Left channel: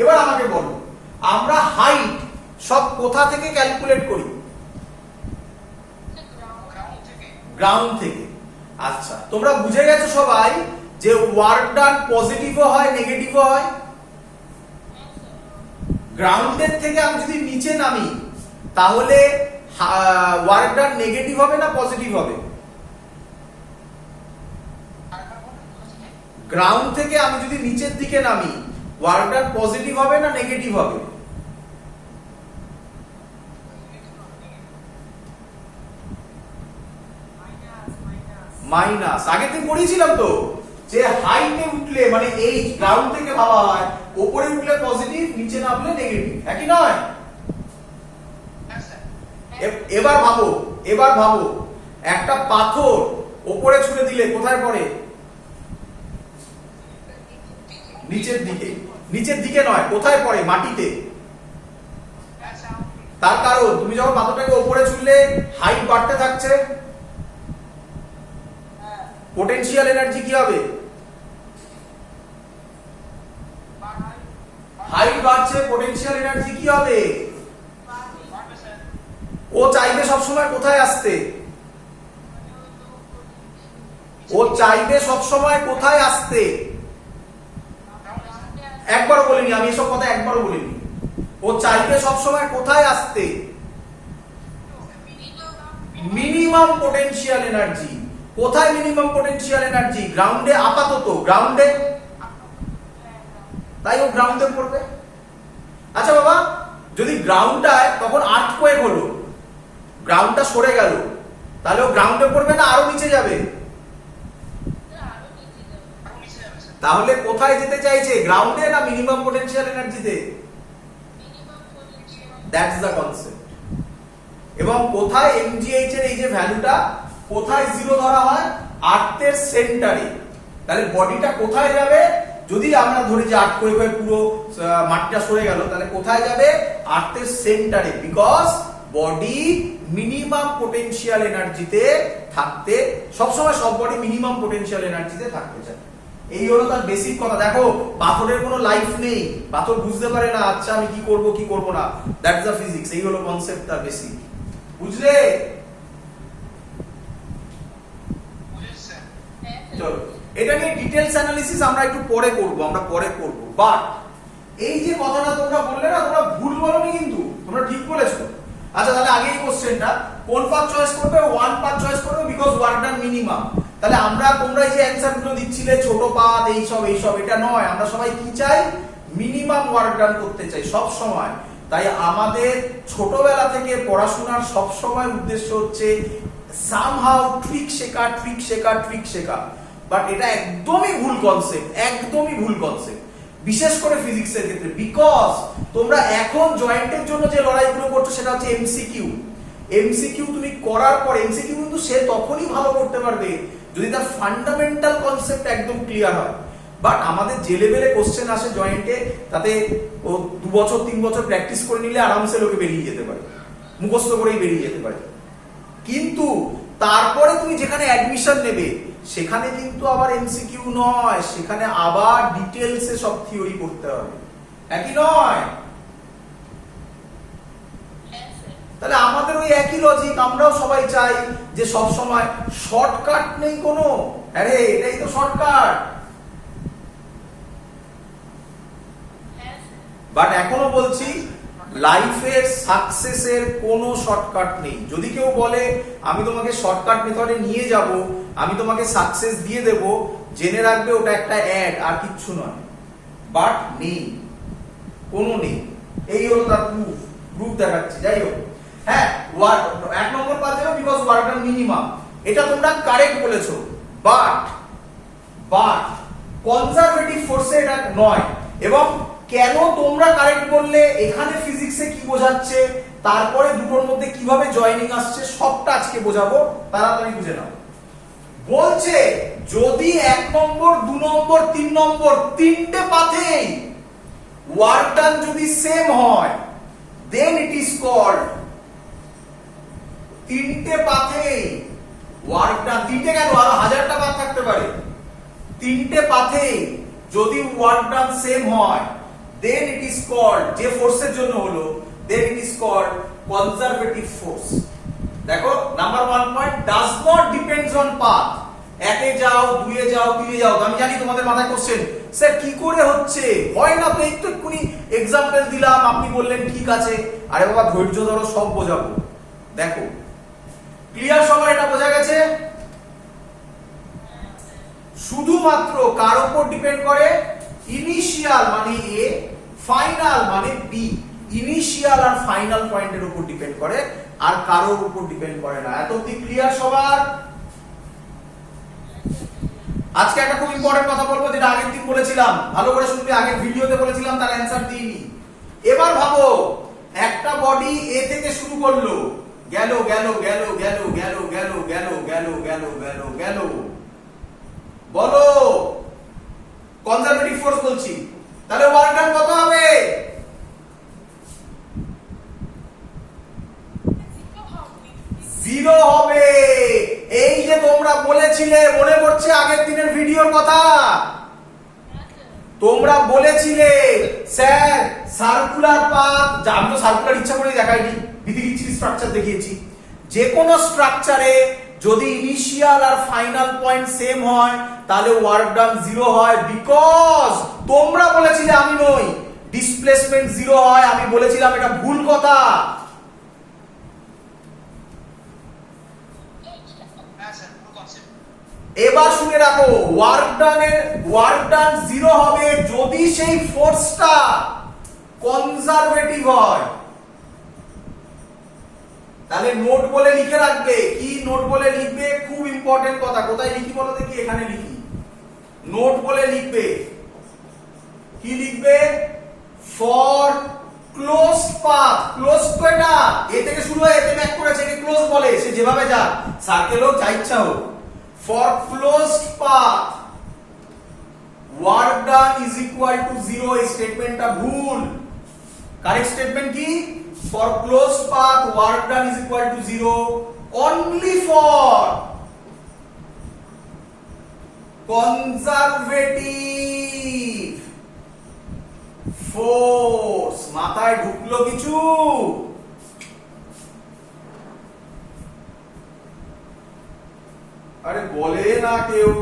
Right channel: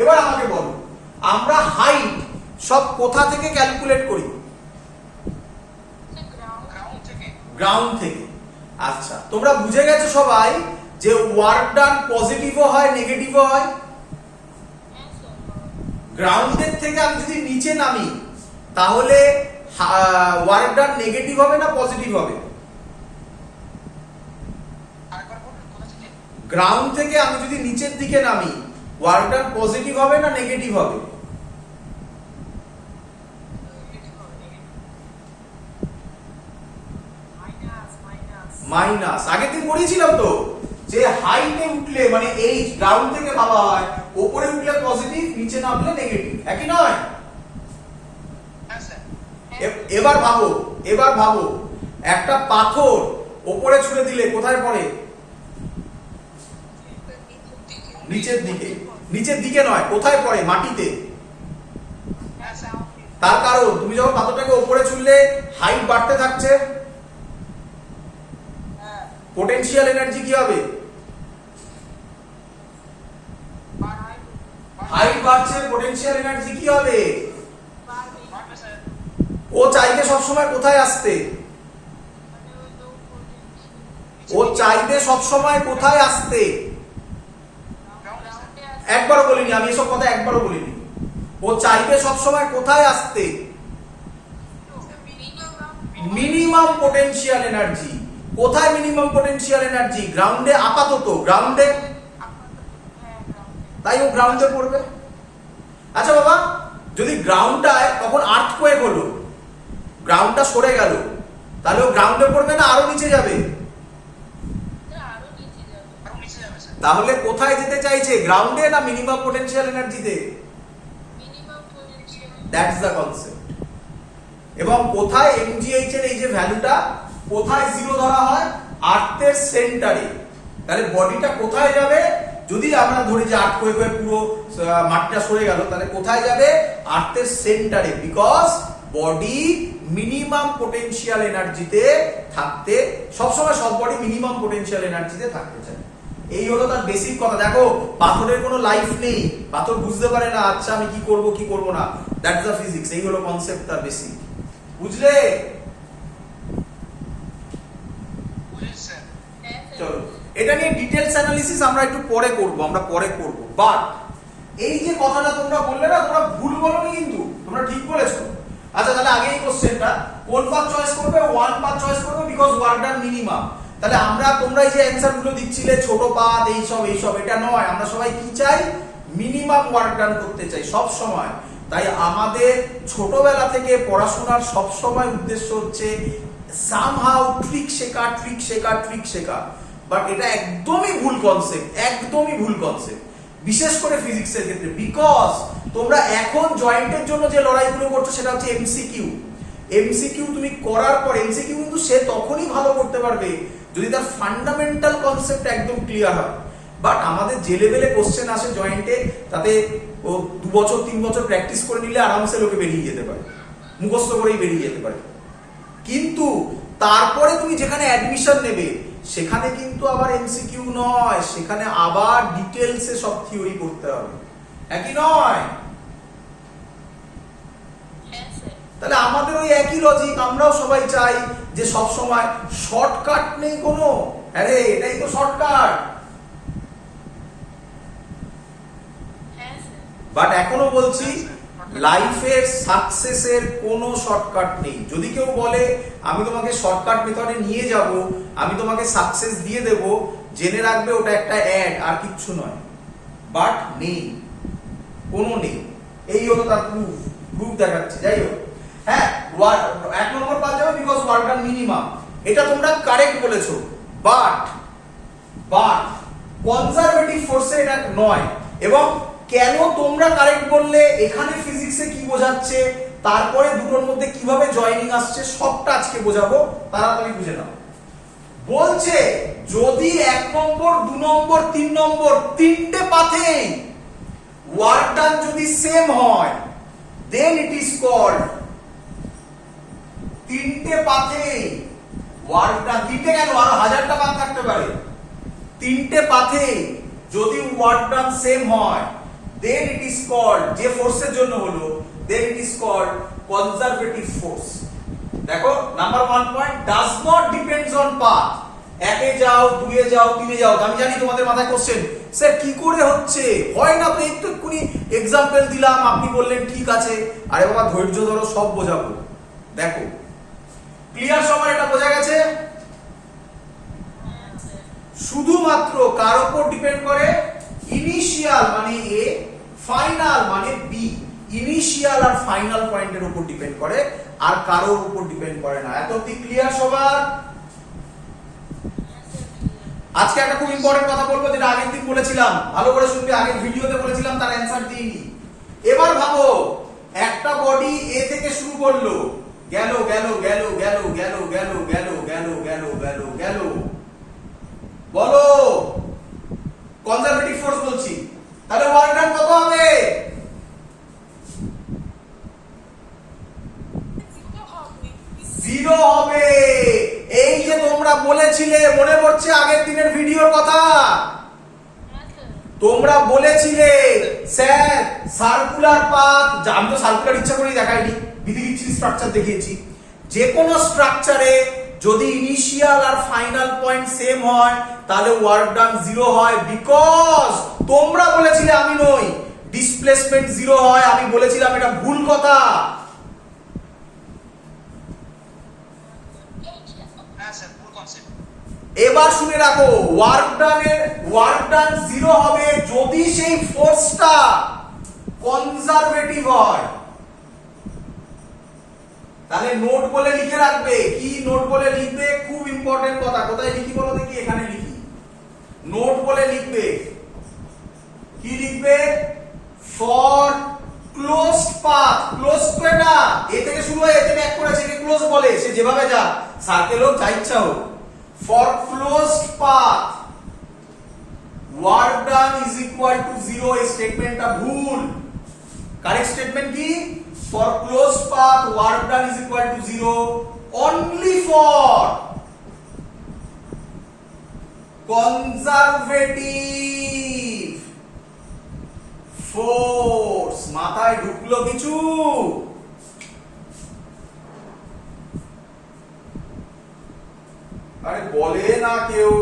এবার আমাকে বলো, আমরা হাইট সব কোথা থেকে ক্যালকুলেট করি? গ্রাউন্ড থেকে। আচ্ছা, তোমরা বুঝে গেছো সবাই যে ওয়ার্ক ডান পজিটিভও হয় নেগেটিভও হয়। গ্রাউন্ডের থেকে আমি যদি নিচে নামি তাহলে ওয়ার্ক ডান নেগেটিভ হবে না পজিটিভ হবে? গ্রাউন্ড থেকে আমি যদি নিচের দিকে নামি ওয়ার্ক ডান পজিটিভ হবে না নেগেটিভ হবে? মাইনাস। আগে থেকে পড়িয়েছিলাম তো যে হাইটে উঠলে মানে এই গ্রাউন্ড থেকে ভাবা হয়, উপরে উঠলে পজিটিভ নিচে নামলে নেগেটিভ, একই নয়? এবার ভাবো একটা পাথর উপরে ছুঁড়ে দিলে কোথায় পড়ে? নিচের দিকে। নিচের দিকে নয়, কোথায় পড়ে? মাটিতে। তার কারণ তুমি যখন পাথরটাকে উপরে ছুঁড়লে হাইট বাড়তে থাকছে, পোটেনশিয়াল এনার্জি কি হবে? হাইট বাড়ছে, পোটেনশিয়াল এনার্জি কি হবে? ও চাইবে সবসময় কোথায় আসতে? ও চাইবে সবসময় কোথায় আসতে? একবারও বলিনি আমি এসব কথা, একবারও বলিনি। ও চাইবে সবসময় কোথায় আসতে? Minimum potential energy. কোথায় মিনিমাম পোটেনশিয়াল এনার্জি? গ্রাউন্ডে। আপাতত গ্রাউন্ডে, তাই ও গ্রাউন্ডে পড়বে। আচ্ছা বাবা, যদি গ্রাউন্ডটায় তখন আর্থকোয়েক হলো, গ্রাউন্ডটা সরে গেল, তাহলে ও গ্রাউন্ডে পড়বে না আরো নিচে যাবে? তাহলে কোথায় যেতে চাইছে, গ্রাউন্ডে না মিনিমাম পোটেনশিয়াল এনার্জিতে? That's the concept. এবং কোথায় এমজিএইচ এর এই যে ভ্যালুটা কোথায় জিরো ধরা হয়? আর্থের সেন্টারে। তাহলে বডিটা কোথায় যাবে? যদি আমরা ধরি যে আর্থকোয়েকের পুরো মাটিটা সরে গেল, তাহলে কোথায় যাবে? আর্থের সেন্টারে। বিকজ বডি মিনিমাম পোটেনশিয়াল এনার্জিতে থাকতে সবসময়, সব বডি মিনিমাম পোটেনশিয়াল এনার্জিতে থাকতে চায়। এই হলো তার বেসিক কথা। দেখো পাথরের কোনো লাইফ নেই, পাথর বুঝতে পারে না আচ্ছা আমি কি করব কি করব না। That's the physics. এই হলো কনসেপ্টটা বেসিক। বুঝলে? চলো, এটা নিয়ে ডিটেইলস অ্যানালিসিস আমরা একটু পরে করব, বাট এই যে কথাটা তোমরা বললে না, তোমরা ভুল বলোনি কিন্তু, তোমরা ঠিক বলেছো। আচ্ছা তাহলে আগে এই কোশ্চেনটা কোন পাথ চয়েস করবে? ওয়ান পাথ চয়েস করবে বিকজ ওয়ার্ক ডান মিনিমাম। তাহলে তোমরা এই যে অ্যানসার গুলো দিচ্ছিলে ছোট পাথ এইসব, এটা নয়। আমরা সবাই কি চাই? মিনিমাম ওয়ার্ক ডান করতে চাই সব সময়। তাই আমাদের ছোটবেলা থেকে পড়াশোনার সব সময় উদ্দেশ্য হচ্ছে সামহাউ ট্রিক শেখা। বাট এটা একদমই ভুল কনসেপ্ট, বিশেষ করে ফিজিক্সের ক্ষেত্রে। বিকজ তোমরা এখন জয়েন্টের জন্য যে লড়াইগুলো করছো সেটা হচ্ছে এমসিকিউ তুমি করার পর এমসিকিউ কিন্তু সে তখনই ভালো করতে পারবে যদি তার ফান্ডামেন্টাল কনসেপ্ট একদম ক্লিয়ার হয়। বাট আমাদের যে লেভেলে কোশ্চেন আসে জয়েন্টে, তাতে ও 2 বছর 3 বছর প্র্যাকটিস করে নিলে আরামসে লোকে বেরিয়ে যেতে পারে, মুখস্থ করেই বেরিয়ে যেতে পারে। কিন্তু তারপরে তুমি যেখানে অ্যাডমিশন নেবে সেখানে কিন্তু আবার এমসিকিউ নয়, সেখানে আবার ডিটেলসে সব থিওরি করতে হবে, একই নয়? তাহলে আমাদের ওই একই লজিক, আমরাও সবাই চাই যে সব সময় শর্টকাট নেই কোনো। আরে এটাই তো শর্টকাট। বাট এখনো বলছি লাইফের সাকসেসের কোনো শর্টকাট নেই। যদি কেউ বলে আমি তোমাকে শর্টকাট মেথডে নিয়ে যাব, আমি তোমাকে সাকসেস দিয়ে দেব, জেনে রাখবে ওটা একটা অ্যাড, আর কিচ্ছু নয়। বাট নেই, কোনো নেই। এই হলো তার প্রুফ দেখাচ্ছি। যাই হোক, হ্যাঁ 1 নম্বর পাওয়া যাবে বিকজ ওয়ার্ক ডান মিনিমাম, এটা তোমরা কারেক্ট বলেছো। বাট কনজারভেটিভ ফোর্সে এটা নয়। এবং কেন তোমরা কারেক্ট বললে, এখানে ফিজিক্সে কি বোঝাচ্ছে, তারপরে দুটোর মধ্যে কিভাবে জয়েনিং আসছে, সবটা আজকে বোঝাবো, তাড়াতাড়ি বুঝে নাও। বলছে যদি 1 নম্বর 2 নম্বর 3 নম্বর তিনটে পাথে ওয়ার্ক ডান যদি সেম হয়, দেন ইট ইজ কল্ড। তিনটে পাথে ওয়ার্ক ডান, তিনটে কেন আরো 1000টা পাথ থাকতে পারে, তিনটে পাথে যদি ওয়ার্ক ডান সেম হয়, then it is is called, যে ফোর্সের জন্য হলো, then it is called conservative force. দেখো number 1 point, does not depends on path. একে যাও, দুয়ে যাও, তিনে যাও। আমি জানি তোমাদের মাথায় কোশ্চেন, স্যার কি করে হচ্ছে, হয় না তো, একটু এক্ষুনি এক্সাম্পল দিলাম, আপনি বললেন ঠিক আছে। আরে বাবা ধৈর্য ধরো, সব বোঝাবো। দেখো ক্লিয়ার, সবার এটা বোঝা গেছে? শুধুমাত্র কার উপর ডিপেন্ড করে? ইনিশিয়াল মানে এ, ফাইনাল মানে বি। ইনিশিয়াল আর ফাইনাল পয়েন্টের উপর ডিপেন্ড করে, আর কারোর উপর ডিপেন্ড করে না। এত অবধি ক্লিয়ার সবার? আজকে একটা খুব ইম্পর্টেন্ট কথা বলবো, যেটা আগের দিন বলেছিলাম, ভালো করে শুনবে, আগের ভিডিওতে বলেছিলাম, তার অ্যানসার দিইনি। এবার ভাবো, একটা বডি এ থেকে শুরু করলো, গেল গেল গেল গেল গেল গেল গেল গেল গেল গেল গেল, বলো কনজারভেটিভ ফোর্স বলছি, তাহলে ওয়ার্ক ডান কত হবে? জিরো হবে। এই যে তোমরা বলেছিলে, মনে পড়ছে আগের দিনের ভিডিওর কথা, তোমরা বলেছিলে স্যার সার্কুলার পাথ, আমি তো সার্কুলার ইচ্ছা করে দেখাইনি, বিধিগিচ্ছির স্ট্রাকচার দেখিয়েছি। যে কোনো স্ট্রাকচারে যদি ইনিশিয়াল আর ফাইনাল পয়েন্ট সেম হয়, তাহলে ওয়ার্ক ডান জিরো হয়, বিকজ তোমরা বলেছিলে, আমি নই, ডিসপ্লেসমেন্ট জিরো হয়। আমি বলেছিলাম এটা ভুল কথা। এবার শুনে রাখো, ওয়ার্ক ডান জিরো হবে যদি সেই ফোর্সটা কনজারভেটিভ হয়। তাহলে নোট বলে লিখে রাখবে। কি নোট বলে লিখবে? খুব ইম্পর্টেন্ট কথা। কোথায় লিখি বলো দেখি? এখানে লিখি। নোট বলে লিখবে। কি লিখবে? For closed path. ক্লোজ তো এটা এ থেকে শুরু হয়, এতে ব্যাক করেছে, একে ক্লোজ বলে। সে যেভাবে যা, সার্কেল হোক, যা ইচ্ছা হোক। For closed path, work done is equal to zero. এই স্টেটমেন্টটা ভুল। কারেক্ট স্টেটমেন্ট কি? For closed path, work done is equal to zero only for conservative force. মাথায় ঢুকলো কিছু? আরে বলে না কেউ।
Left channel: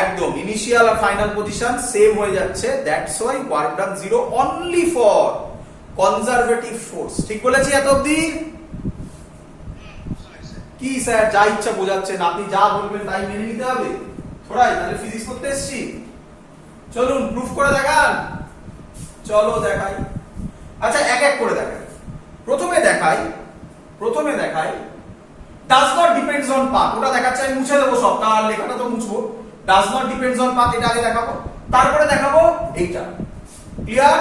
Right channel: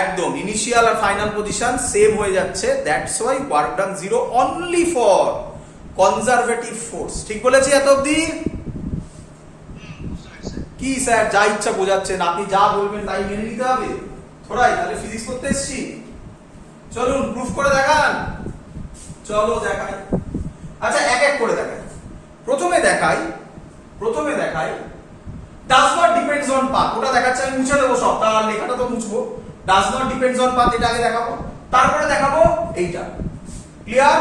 একদম ইনিশিয়াল আর ফাইনাল পজিশন সেম হয়ে যাচ্ছে, that's why work done zero only for conservative force. ঠিক বলেছি এত অবধি? কি স্যার যা ইচ্ছা বোঝাচ্ছেন, আপনি যা বলবেন তাই মেনে নিতে হবে? থোড়াই তাহলে ফিজিক্স করতে এসেছি। চলুন প্রুফ করে দেখান। চলো দেখাই। আচ্ছা এক এক করে দেখাই। প্রথমে দেখাই does not depends on path। ওটা দেখাচ্ছে, আমি মুছে দেবো সব, তার লেখাটা তো মুছবো। does not depends on path এটা আগে দেখাবো, তারপরে দেখাবো এইটা। ক্লিয়ার?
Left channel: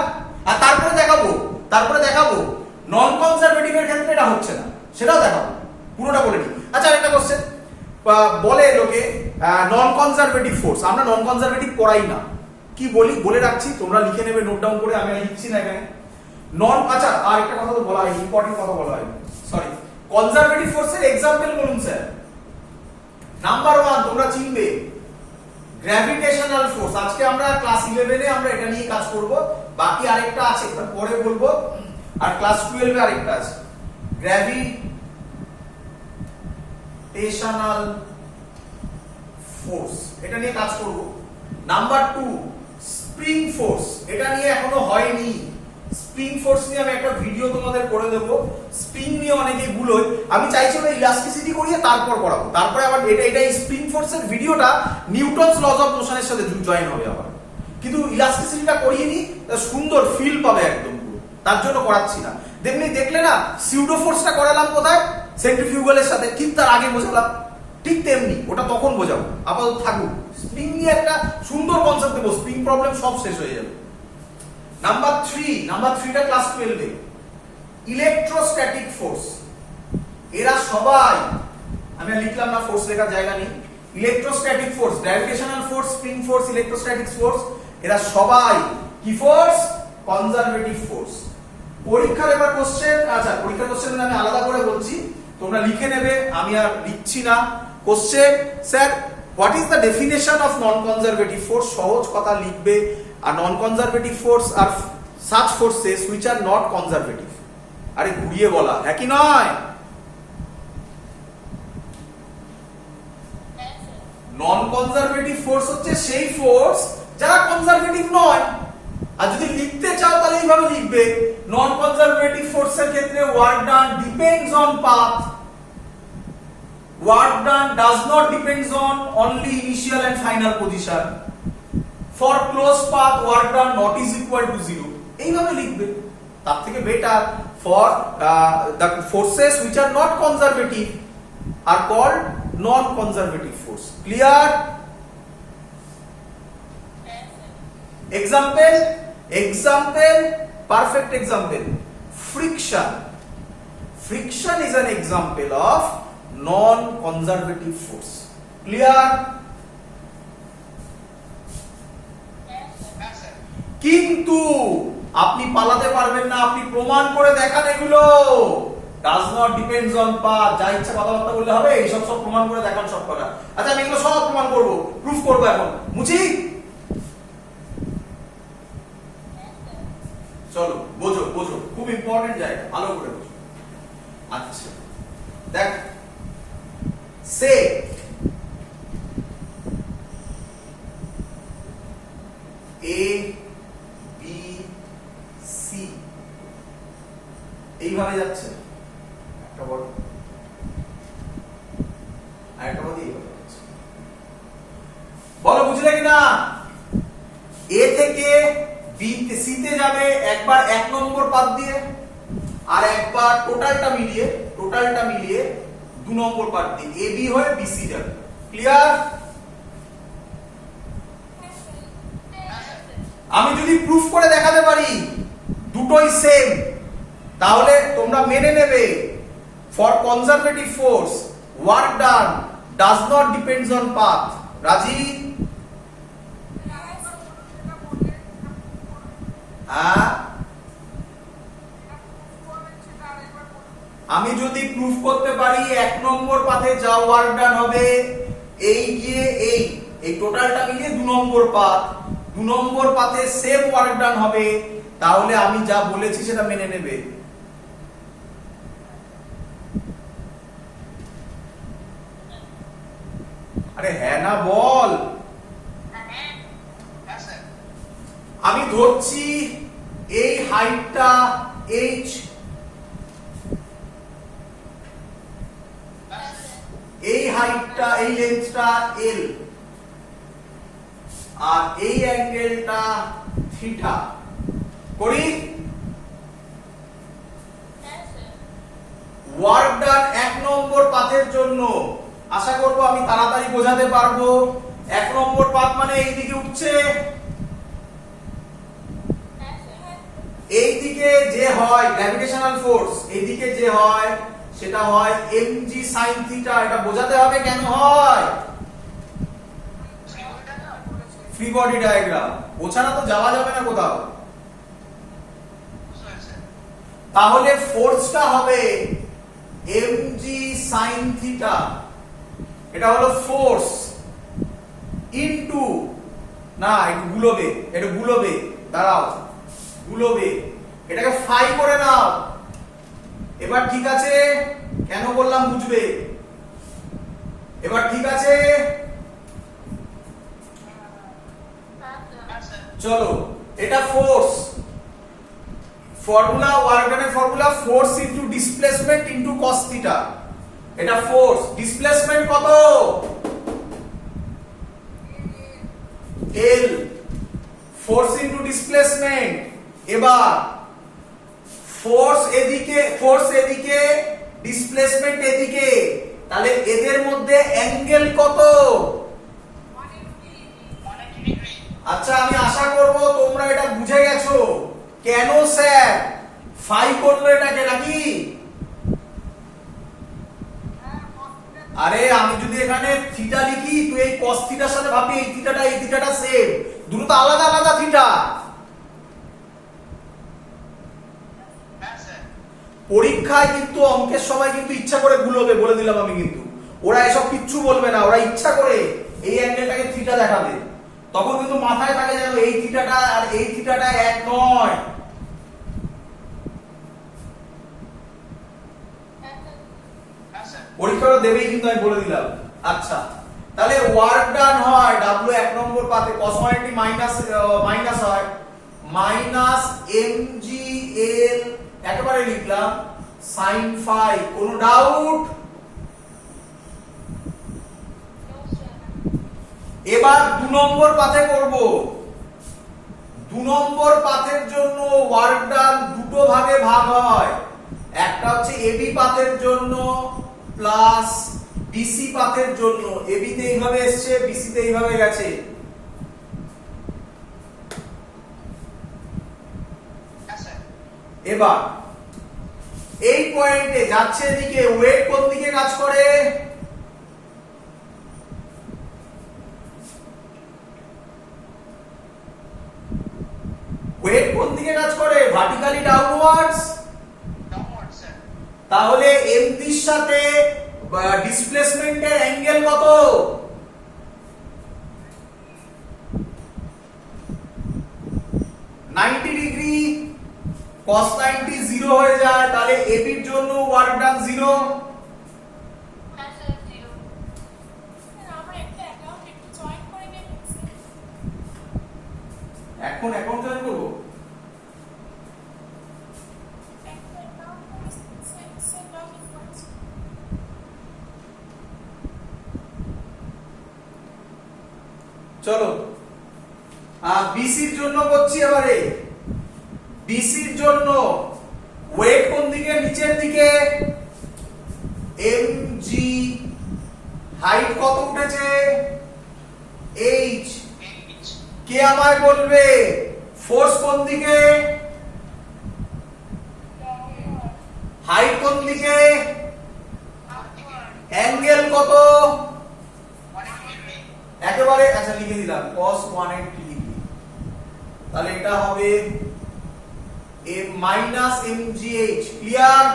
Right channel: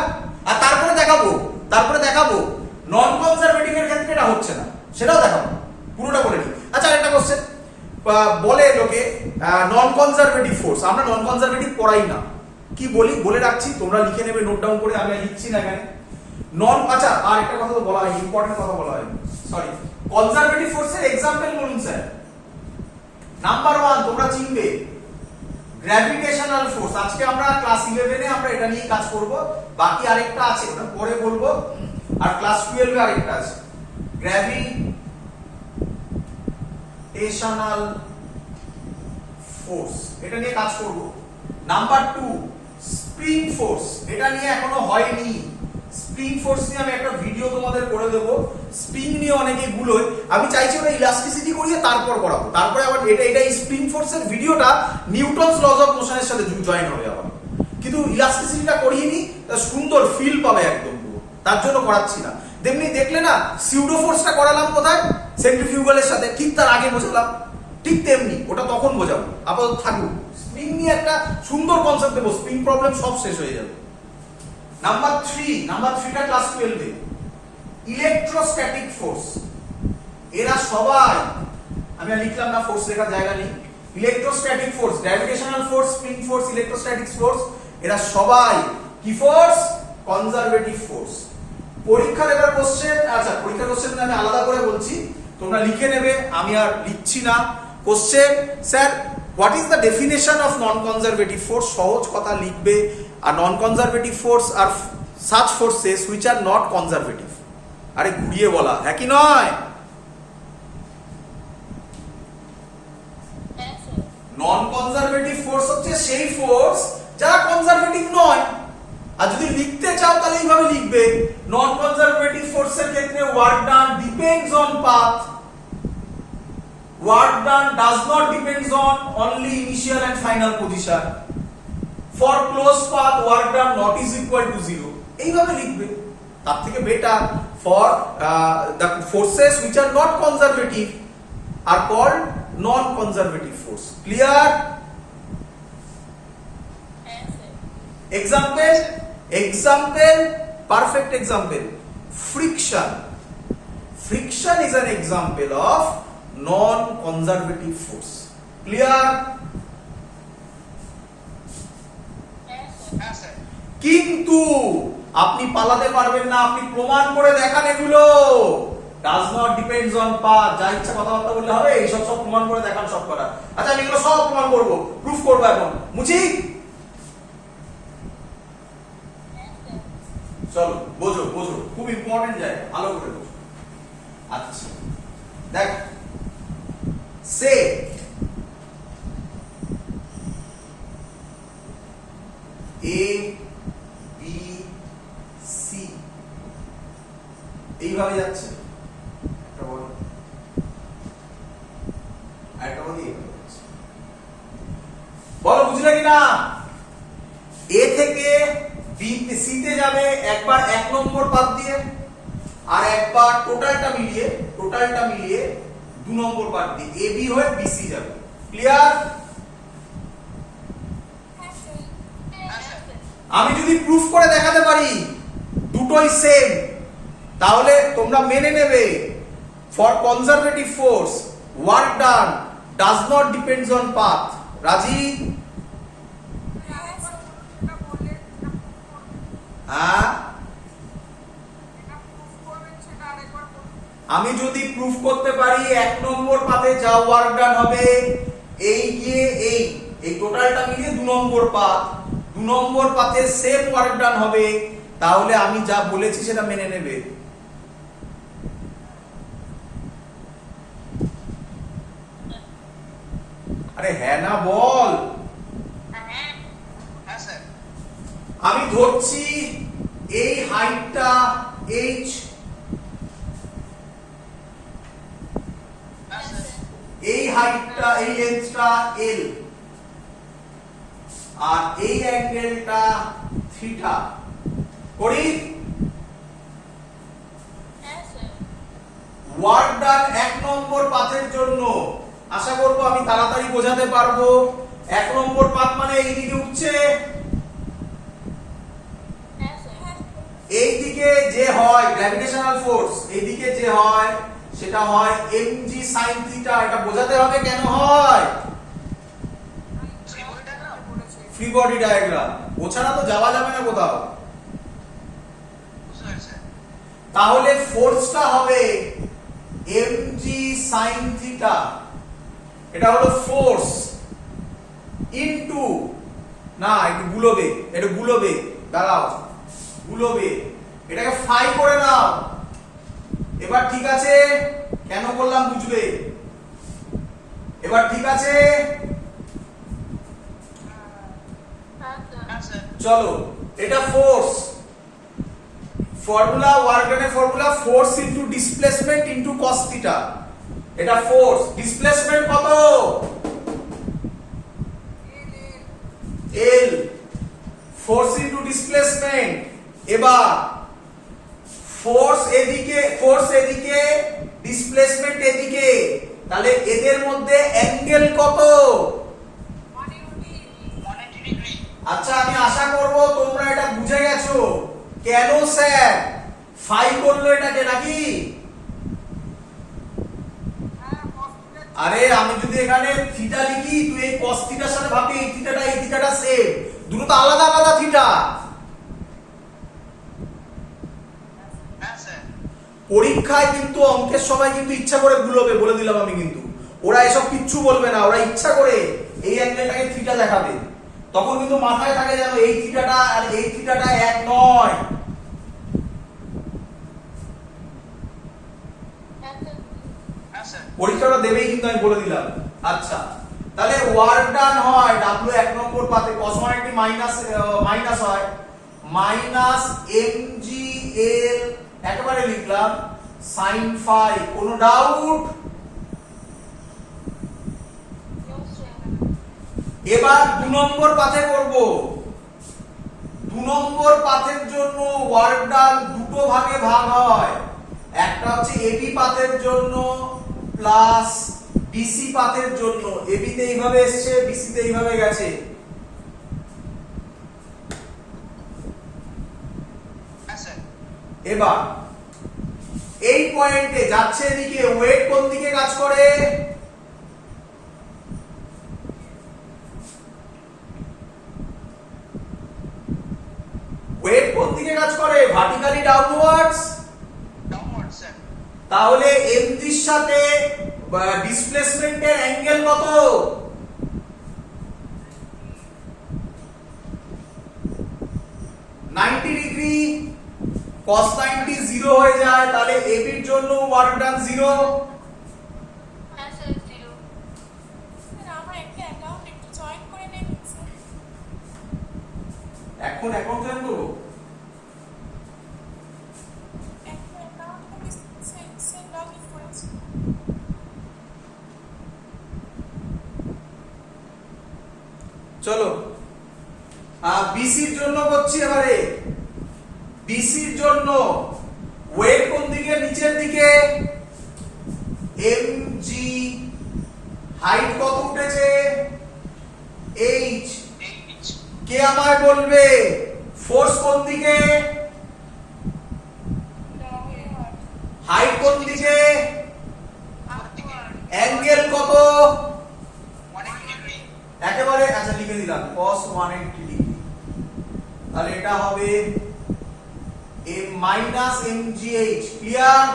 আর তারপরে দেখাবো নন কনজারভেটিভ এর ক্ষেত্রে এটা হচ্ছে না, সেটাও দেখাবো। পুরোটা বলে নিই। আচ্ছা একটা কোশ্চেন বলে লোকে নন কনজারভেটিভ ফোর্স, আমরা নন কনজারভেটিভ পড়াই না। কি বলি বলে রাখছি, তোমরা লিখে নেবে, নোট ডাউন করে, আমি লিখছি না এখানে। আচ্ছা আর একটা কথা তো বলা হয়, ইম্পর্টেন্ট কথা বলা হয়, সরি। কনজারভেটিভ ফোর্সের এক্সাম্পল বলুন স্যার। নাম্বার 1 তোমরা চিনবে, গ্র্যাভিটেশনাল ফোর্স। আজকে আমরা ক্লাস 11 এ আমরা এটা নিয়ে কাজ করব, বাকি আরেকটা আছে ওটা পরে বলবো, আর ক্লাস 12 এ আরেকটা আছে, গ্র্যাভিটেশনাল ফোর্স, এটা নিয়ে কাজ করব। নাম্বার 2 স্প্রিং ফোর্স, এটা নিয়ে এখনো হয়নি। স্প্রিং ফোর্স নিয়ে আমি একটা ভিডিও তোমাদের করে দেবো। স্প্রিং নিয়ে অনেকে ভুল হয়, আমি চাইছি ওটা ইলাস্টিসিটি করিয়ে তারপর করাবো, তারপরে আবার এটা এই স্প্রিং ফোর্সের ভিডিওটা নিউটনস লজ অফ মোশনের সাথে জয়েন হবে আবার, কিন্তু ইলাস্টিসিটিটা করিয়ে নি, সুন্দর ফিল পাবে একদম পুরো, তার জন্য করাচ্ছি না। তেমনি দেখলে না সিউডো ফোর্সটা করালাম কোথায়? সেন্ট্রিফিউগালের সাথে, ঠিক তার আগে বোঝালাম, ঠিক তেমনি ওটা তখন বোঝাবো, আপাতত থাকুক। স্প্রিং নিয়ে একটা সুন্দর কনসেপ্ট দেবো, স্প্রিং প্রবলেম সব শেষ হয়ে যাবে। নাম্বার 3টা ক্লাস 12 এ ইলেকট্রোস্ট্যাটিক ফোর্স। এরা সবাই, আমি লিখলাম না, ফোর্স লেখার জায়গা নেই। Electrostatic force, gravitational force, spring force, electrostatic force, এরা সবাই কি ফোর্স? Conservative force. পরীক্ষার এবার কোশ্চেন, আচ্ছা পরীক্ষার কোশ্চেন আমি আলাদা করে বলছি, তোমরা লিখে নেবে, আমি আর লিখছি না। Question, sir what is the definition of non conservative force? সহজ কথা লিখবে। আর নন কনজারভেটিভ ফোর্স আর such forces which are not conservative। আরে ঘুরিয়ে বলা, হ্যাঁ কি নয়? নন কনজারভেটিভ ফোর্স হচ্ছে সেই ফোর্স যারা কনজারভেটিভ নয়। আর যদি লিখতে চাও তাহলে এইভাবে লিখবে, নন কনজারভেটিভ ফোর্সের ক্ষেত্রে work done depends on path, work done does not depends on only initial and final position. For close path work done not is equal to 0। এইভাবে লিখবে, তার থেকে better for the forces which are not conservative are called non conservative force. Clear? example, perfect example, friction is an example of non conservative force। Clear? কিন্তু আপনি পালাতে পারবেন না, আপনি প্রমাণ করে দেখান এগুলো। Does not depends on path, যা ইচ্ছা কথাবার্তা বললে হবে, এইসব সব প্রমাণ করে দেখান সব করা। আচ্ছা আমি এগুলো সব প্রমাণ করব, প্রুফ করব। এখন মুচি চলো বোঝো, খুব ইম্পর্টেন্ট জায়গা, ভালো করে বোঝো। আচ্ছা দেখ, সে এ বি সি এইভাবে যাচ্ছে, একটা বল আর একটা বল এইভাবে যাচ্ছে। বলো বুঝলে কিনা? এ থেকে বি সি তে যাবে একবার 1 নম্বর পাথ দিয়ে, আর একবার টোটালটা মিলিয়ে 2 নম্বর পাথ দিয়ে এ বি হয়ে বি সি যাবে। ক্লিয়ার? আমি যদি প্রুফ করে দেখাতে পারি দুটোই সেম, তাহলে তোমরা মেনে নেবে for conservative force work done does not depends on path. রাজি? আমি যদি প্রুফ করতে পারি 1 নম্বর পাথে যা ওয়ার্ক ডান হবে, এই গিয়ে এই টোটালটা মিলিয়ে 2 নম্বর পাথ, 2 নম্বর পাথে সেম ওয়ার্ক ডান হবে, তাহলে আমি যা বলেছি সেটা মেনে নেবে। আরে হ্যাঁ না বল। আমি ধরছি এই হাইটটা h, এই হাইটটা এই লেন্থটা l, আর এই অ্যাঙ্গেলটা থিটা করি। ওয়ার্ক ডান 1 নম্বর পাথের জন্য আশা করব আমি তাড়াতাড়ি বোঝাতে পারবো। 1 নম্বর পাথ মানে এইদিকে উঠছে, এইদিকে যে হয় গ্র্যাভিটেশনাল ফোর্স, এইদিকে যে হয় সেটা হয় mg sin থিটা। এটা বোঝাতে হবে কেন হয়, ফ্রি বডি ডায়াগ্রাম। ওছাড়া তো যাওয়া যাবে না কোথাও। তাহলে ফোর্সটা হবে mg sin থিটা, এটা হলো ফোর্স ইনটু, না একটু গুলোবে, দাঁড়াও, গুলোবে, এটাকে ফাই করে নাও। এবার ঠিক আছে? কেন বললাম বুঝবে। এবার ঠিক আছে? চলো, এটা ফোর্স, ফর্মুলা ওয়ার্ক ডানের formula force into displacement into cos থিটা। এটা ফোর্স, ডিসপ্লেসমেন্ট কত? L, force into displacement. এবার ফোর্স এদিকে ডিসপ্লেসমেন্ট এদিকে, তাহলে এদের মধ্যে অ্যাঙ্গেল কত? আচ্ছা আমি আশা করব তোমরা এটা বুঝে গেছো কেন স্যার ফাই করলো এটাকে, নাকি? আরে আমি যদি এখানে থিটা লিখি, তুই এই cos থিটার সাথে ভাববি এই থিটাটা সেম, দুটো তো আলাদা আলাদা থিটা। পরীক্ষায় কিন্তু অঙ্কের সময় কিন্তু ইচ্ছা করে গুলোবে, বলে দিলাম আমি, কিন্তু ওরা এসব কিচ্ছু বলবে না, ওরা ইচ্ছা করে এই অ্যাঙ্গেলটাকে থিটা দেখাবে, তখন কিন্তু মাথায় থাকে যেন এই থিটাটা আর এই থিটাটা এক নয়। পরীক্ষাটা দেবেই কিন্তু, আমি বলে দিলাম। আচ্ছা, তাহলে ওয়ার্ক ডান হয় W 1 নম্বর পাতে cos 180 মাইনাস হয় মাইনাস mgl একেবারে লিখলাম sin phi। কোনো ডাউট? এবার 2 নম্বর পাতে করব। 2 নম্বর পাতের জন্য ওয়ার্ক ডান দুটো ভাগে ভাগ হয়, একটা হচ্ছে এবি পাতের জন্য প্লাস বিসি পাতের জন্য। এবি তে এইভাবে এসেছে, বিসি তে এইভাবে গেছে। এবার এই পয়েন্টে যাচ্ছে এদিকে, ওয়েট কোন দিকে কাজ করে? ওয়েট কোন দিকে কাজ করে? Vertically downwards. তাহলে এমটির সাথে ডিসপ্লেসমেন্টের অ্যাঙ্গেল কত? ডিগ্রি। cos 90 0 হয়ে যায়, তাহলে এবির জন্য ওয়ার্ক ডান 0। এখন অ্যাকাউন্ট জয়েন করব। চলো বিসির জন্য করছি এবারে। বিসির জন্য ওয়েট কোন দিকে? নিচের দিকে। এমজি হাইট কত উঠেছে? এইচ। কে আমায় বলবে ফোর্স কোন দিকে? হাইট কোন দিকে? অ্যাঙ্গেল কত? একেবারে আচ্ছা লিখে দিলাম cos 180 ডিগ্রি। তাহলে এটা হবে m মাইনাস mgh। ক্লিয়ার?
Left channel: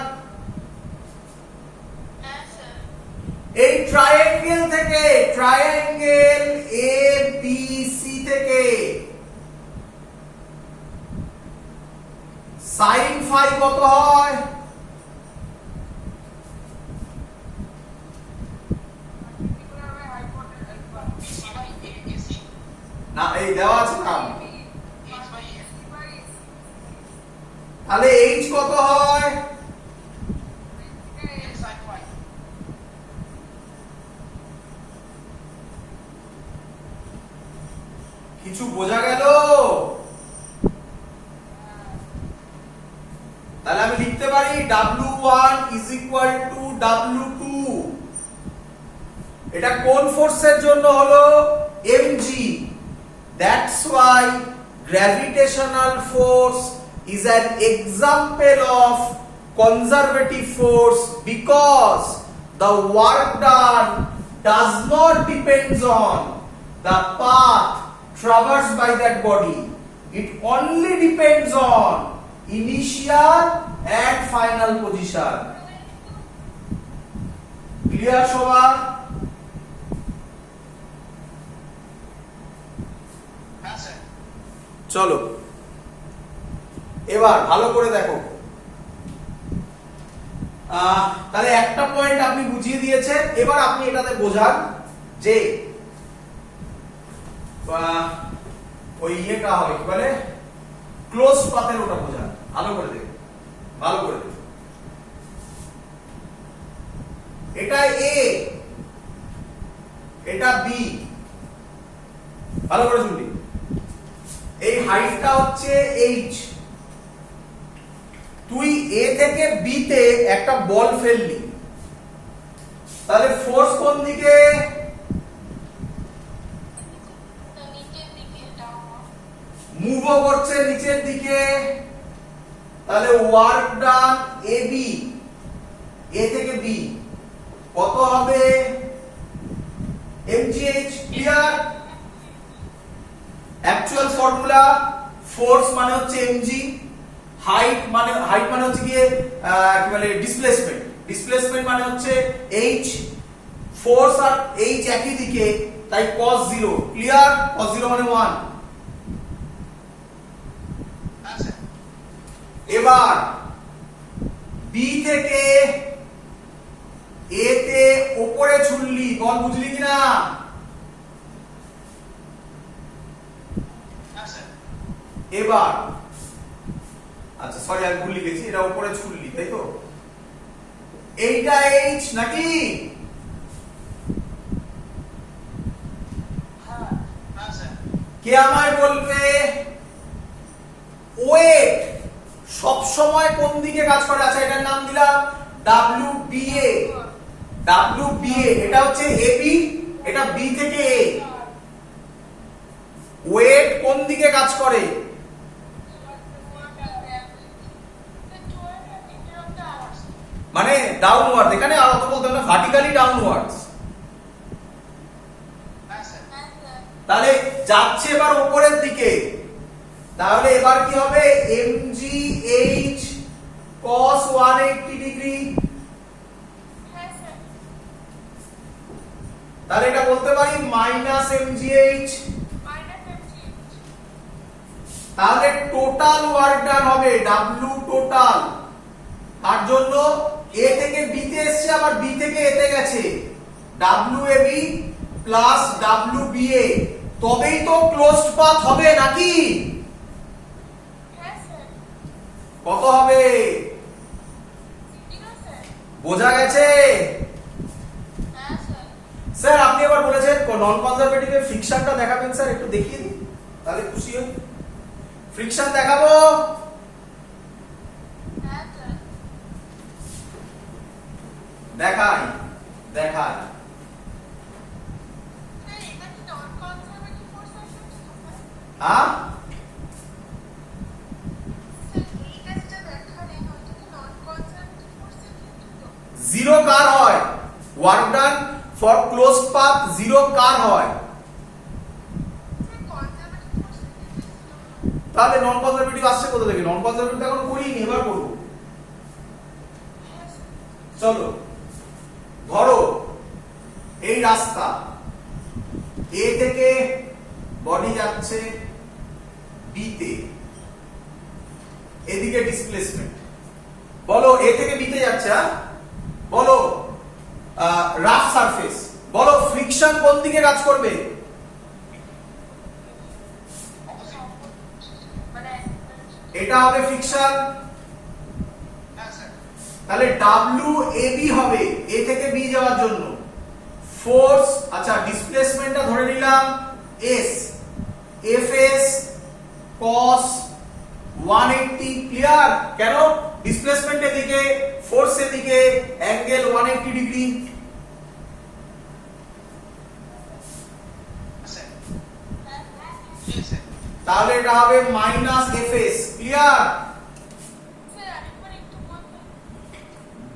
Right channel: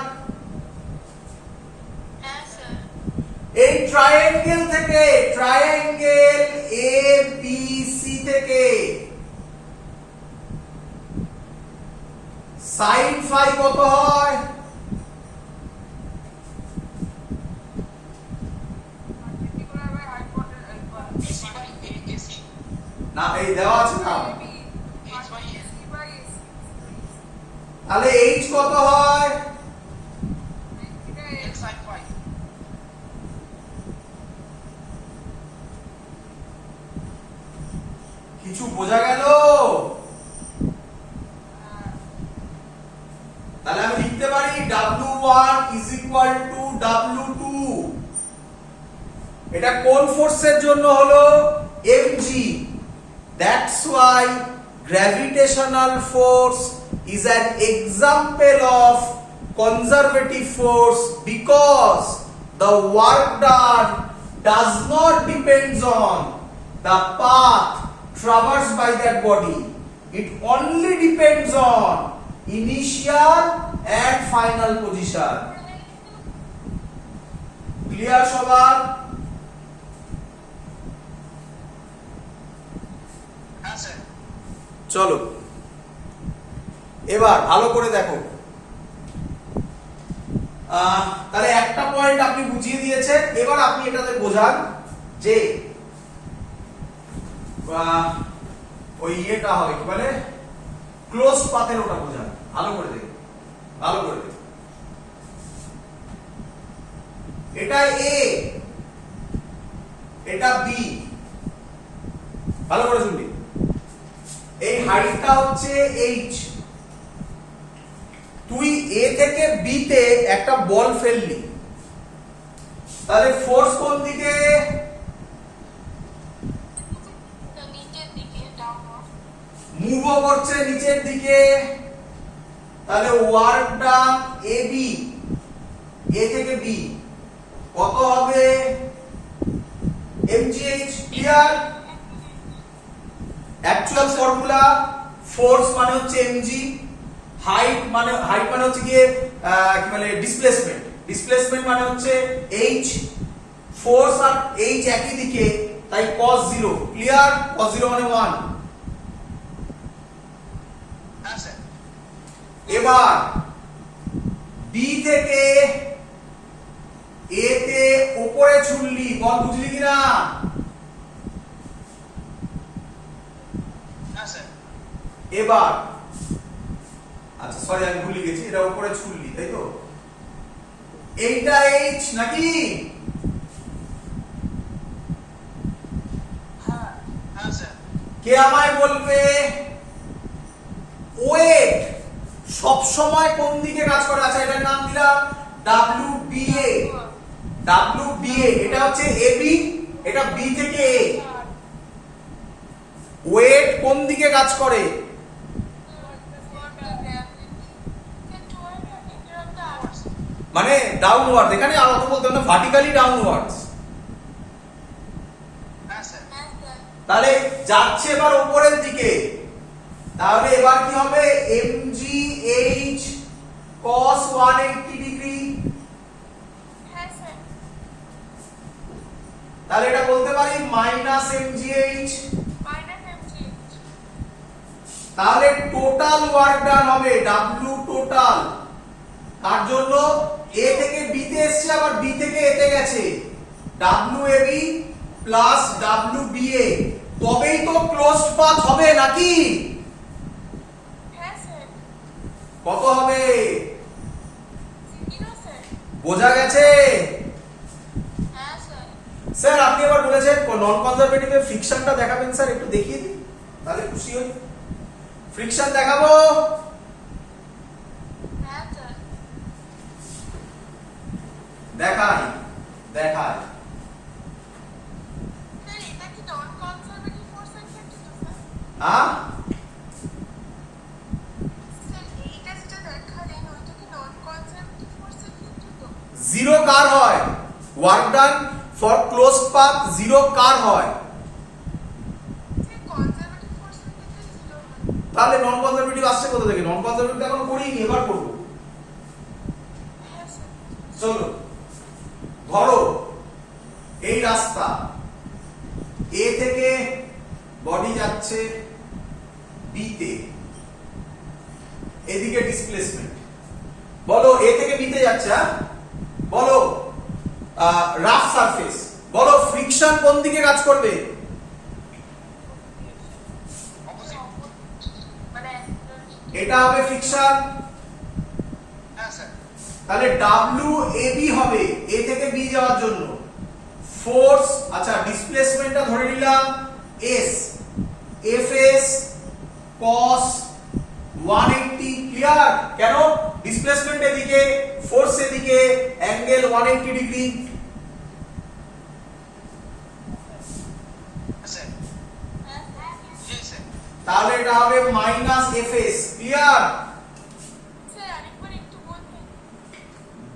এই ট্রায়াঙ্গেল থেকে, ট্রায়াঙ্গেল ABC থেকে sin phi কত হয়? না এই দেওয়া আছে না, তাহলে h কত হয়? কিছু বোঝা গেল? তাহলে আমি লিখতে পারি W1 is equal to W2। এটা কোন ফোর্সের জন্য হলো? mg। That's why gravitational force is an example of conservative force, because the work done does not depends on the path traversed by that body. It only depends on initial and final position. Clear সবার? চলো এবার ভালো করে দেখো। তাহলে একটা point আপনি বুঝিয়ে দিয়েছেন, এবার আপনি এটাতে বোঝান যে ওই ইয়েটা হবে কি বলে ক্লোজ পাথের, ওটা বোঝান ভালো করে দেখুন, ভালো করে দেখুন। এটা এ, এটা বি, ভালো করে শুনবি। এই হাইটটা হচ্ছে এইচ। তুই এ থেকে বি তে একটা বল ফেললি, তাহলে ফোর্স কোন দিকে? মুভ করছে নিচের দিকে। তাহলে ওয়ার্ক ডান এবি, এ থেকে বি কত হবে? mgh। Clear? Actual formula, force মানে হচ্ছে mg, হাইট মানে হচ্ছে কি মানে ডিসপ্লেসমেন্ট, ডিসপ্লেসমেন্ট মানে হচ্ছে h। ফোর্স আর h একই দিকে, তাই cos 0 ক্লিয়ার cos 0 মানে 1 এবার b থেকে a তে উপরে ছুললি বল বুঝলি কিনা এবার আচ্ছা সরি আমি ভুল লিখেছি এটা উপরে ছুললি তাই তো এইটা h নাকি কে আমায় বলবে ওয়েট সব সময় কোন দিকে কাজ করে আচ্ছা এটার নাম দিলাম WBA WBA এটা হচ্ছে AB এটা B থেকে A ওয়েট কোন দিকে কাজ করে মানে ডাউনওয়ার্ড এখানে আর অত বলতে না ভার্টিক্যালি ডাউনওয়ার্ডস তাহলে যাচ্ছে এবার উপরের দিকে তাহলে এবার কি হবে mgh cos 180 ডিগ্রি তাহলে এটা বলতে পারি মাইনাস mgh তাহলে টোটাল ওয়ার্ক ডান হবে w টোটাল তার জন্য a থেকে b তে এসেছে আবার b থেকে a তে গেছে wab প্লাস wba তবেই তো ক্লোজড পাথ হবে নাকি কত হবে বোঝা গেছে স্যার আপনি এবার বলেছেন নন কনজারভেটিভ এর ফ্রিকশনটা দেখাবেন স্যার একটু দেখিয়ে দিন তাহলে খুশি হই ফ্রিকশন দেখাবো দেখাই দেখাই হ্যাঁ জিরো কার হয় work done for close path zero কার হয় তাহলে নন কনজারভেটিভ আসছে কোথা থেকে নন কনজারভেটিভ এখনো করিনি এবার করব চলো ধরো এই রাস্তা এ থেকে বডি যাচ্ছে বি তে এদিকে ডিসপ্লেসমেন্ট বলো এ থেকে বি তে যাচ্ছে হ্যাঁ বলো রাফ সারফেস বলো ফ্রিকশন কোন দিকে কাজ করবে এটা হবে ফ্রিকশন তাহলে WAB হবে A থেকে B যাওয়ার জন্য ফোর্স আচ্ছা ডিসপ্লেসমেন্টটা ধরে নিলাম S FS cos 180 ক্লিয়ার কেন ডিসপ্লেসমেন্ট এদিকে ফোর্স এদিকে অ্যাঙ্গেল 180 ডিগ্রি তাহলে এটা হবে মাইনাস FS ক্লিয়ার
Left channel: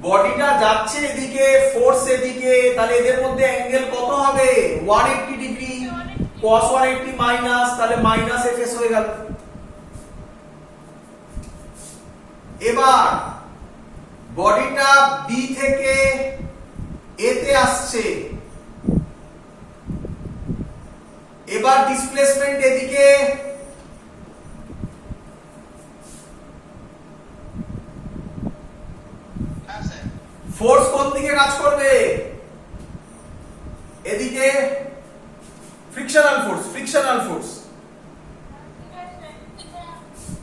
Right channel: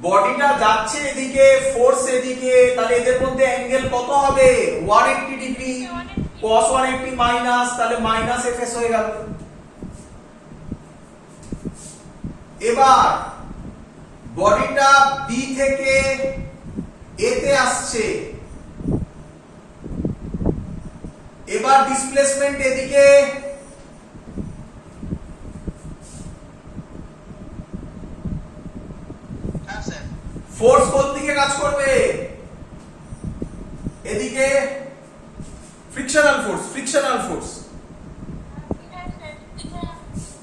বডিটা যাচ্ছে এদিকে ফোর্স এদিকে তাহলে এদের মধ্যে অ্যাঙ্গেল কত হবে 180 ডিগ্রি cos 180 মাইনাস তাহলে মাইনাস FS হয়ে গেল এবার বডিটা B থেকে A তে আসছে এবার ডিসপ্লেসমেন্ট এদিকে ফোর্স কোন দিকে কাজ করবে এদিকে ফ্রিকশনাল ফোর্স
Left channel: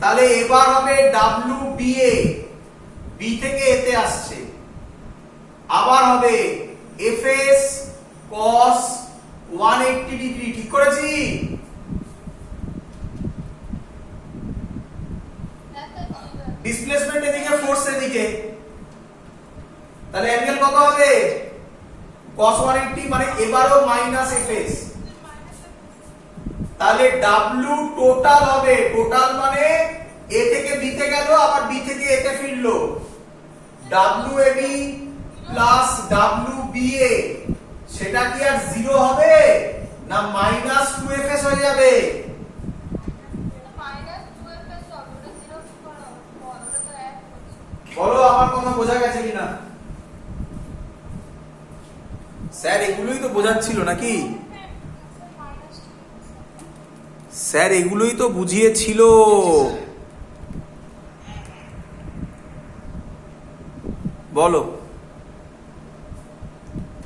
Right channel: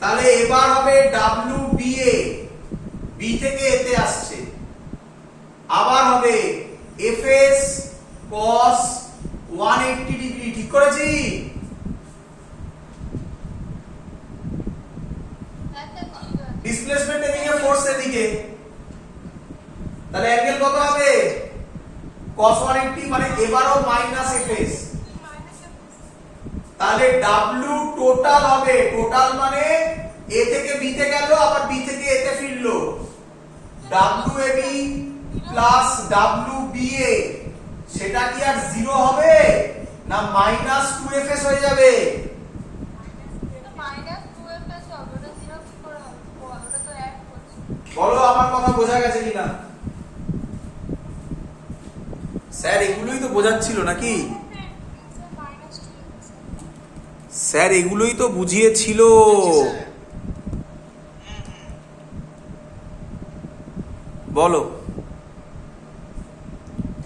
তাহলে এবার হবে WBA B থেকে A তে আসছে আবার হবে FS cos 180 ডিগ্রি ঠিক করেছি ডিসপ্লেসমেন্ট এদিকে ফোর্স এদিকে তাহলে অ্যাঙ্গেল কত হবে cos 180 মানে এবারও মাইনাস FS তাহলে W টোটাল হবে টোটাল মানে A থেকে B তে গেল আবার B থেকে A তে ফিরলো WAB প্লাস WBA সেটা কি আর জিরো হবে না মাইনাস 2FS হয়ে যাবে বলো আমার কথা বোঝা গেছে কিনা স্যার এগুলোই তো বোঝাচ্ছিল নাকি স্যার এগুলোই তো বুঝিয়েছিল। বলো,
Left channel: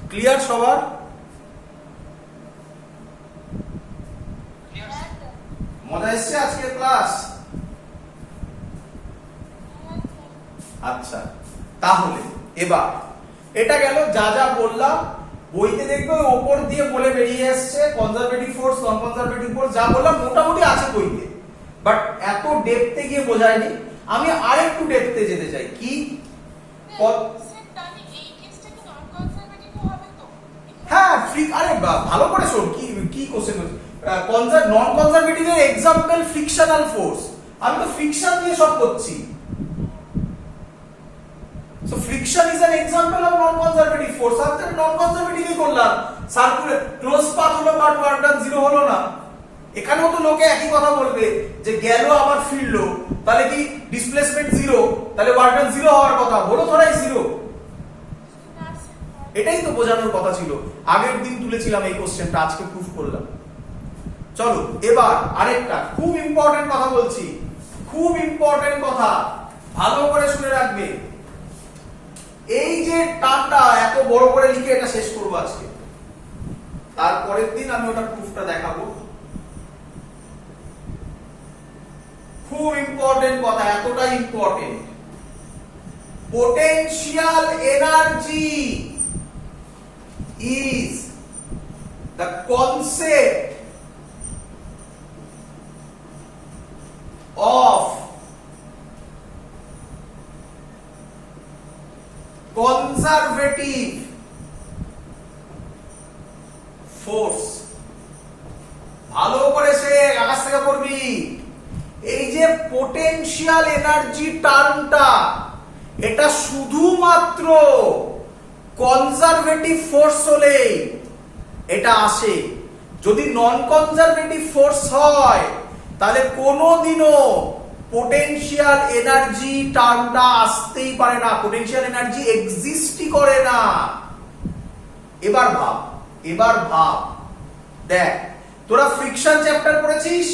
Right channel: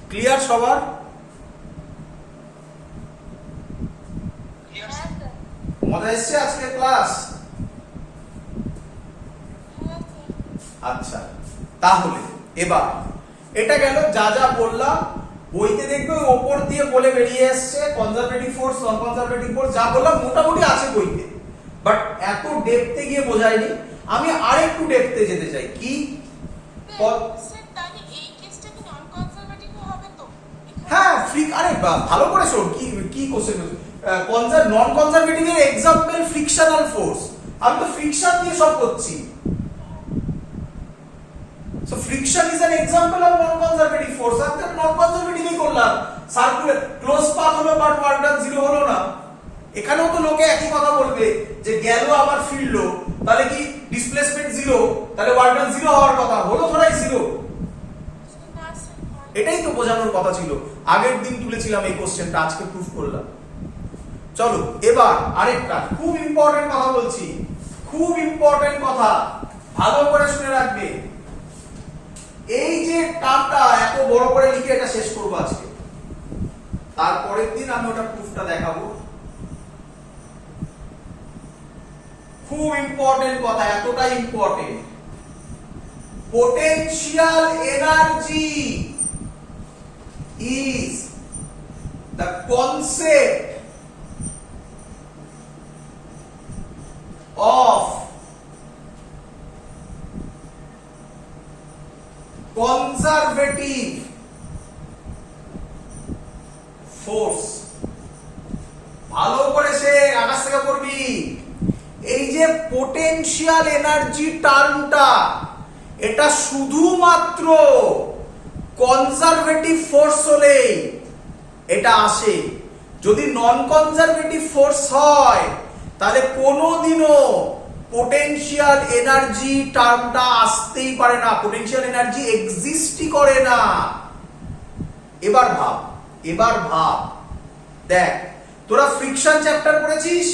ক্লিয়ার সবার? মজা এসছে আজকের ক্লাস? আচ্ছা, তাহলে এবার এটা গেল যা যা বললাম। বইতে দেখবে ওই ওপর দিয়ে বলে বেরিয়ে আসছে কনজারভেটিভ ফোর্স, নন কনজারভেটিভ ফোর্স, যা বললাম মোটামুটি আছে বইতে, বাট এত ডেপথে গিয়ে বোঝায়নি। আমি আরেকটু ডেপথে যেতে চাই। কি? হ্যাঁ, আরে ভালো করে শোন, কি কি কোশ্চেন হচ্ছে। নন কনজারভেটিভ এর এক্সাম্পল ফ্রিকশনাল ফোর্স। আমি তো ফ্রিকশন দিয়ে সব করছি। So friction is an example of non-conservative force. আমি তো non-conservative করলাম। সার্কুলার ক্লোজ পাথ হলো বাট ওয়ার্ক ডান জিরো হলো না। এখানেও তো লোকে একই কথা বলবে যে গেল আবার ফিরলো, তাহলে কি ডিসপ্লেসমেন্ট জিরো, তাহলে ওয়ার্ক ডান জিরো হওয়ার কথা, হলো ধরাই জিরো। এটাই তো বোঝানোর কথা ছিল। আগের দিন তুলেছিলাম এই কোশ্চেনটা, আজকে প্রুফ করলাম। চলো এবার আরেকটা খুব ইম্পর্টেন্ট কথা বলছি, খুব ইম্পর্টেন্ট কথা, ভালো করে শুনে রাখবে। এই যে টার্মটা এত বড় করে লিখে এটা শেষ করব আজকে, তারপরের দিন আমি ওটা প্রুফটা দেখাবো। খুব ইম্পর্টেন্ট কথা, এতটা important. Potential energy is the concept of conservative force। ভালো করে সে আকাশ থেকে করবি। এই যে পোটেনশিয়াল এনার্জি টার্মটা, এটা শুধুমাত্র কনজারভেটিভ ফোর্স হলে এটা আসে। যদি নন কনজারভেটিভ ফোর্স হয় তাহলে কোনোদিনও পোটেনশিয়াল এনার্জি টার্মটা আসতেই পারে না, পোটেনশিয়াল এনার্জি এক্সিস্টই করে না। এবার ভাব, এবার ভাব, দেখ তোরা ফ্রিকশন চ্যাপ্টার পড়েছিস?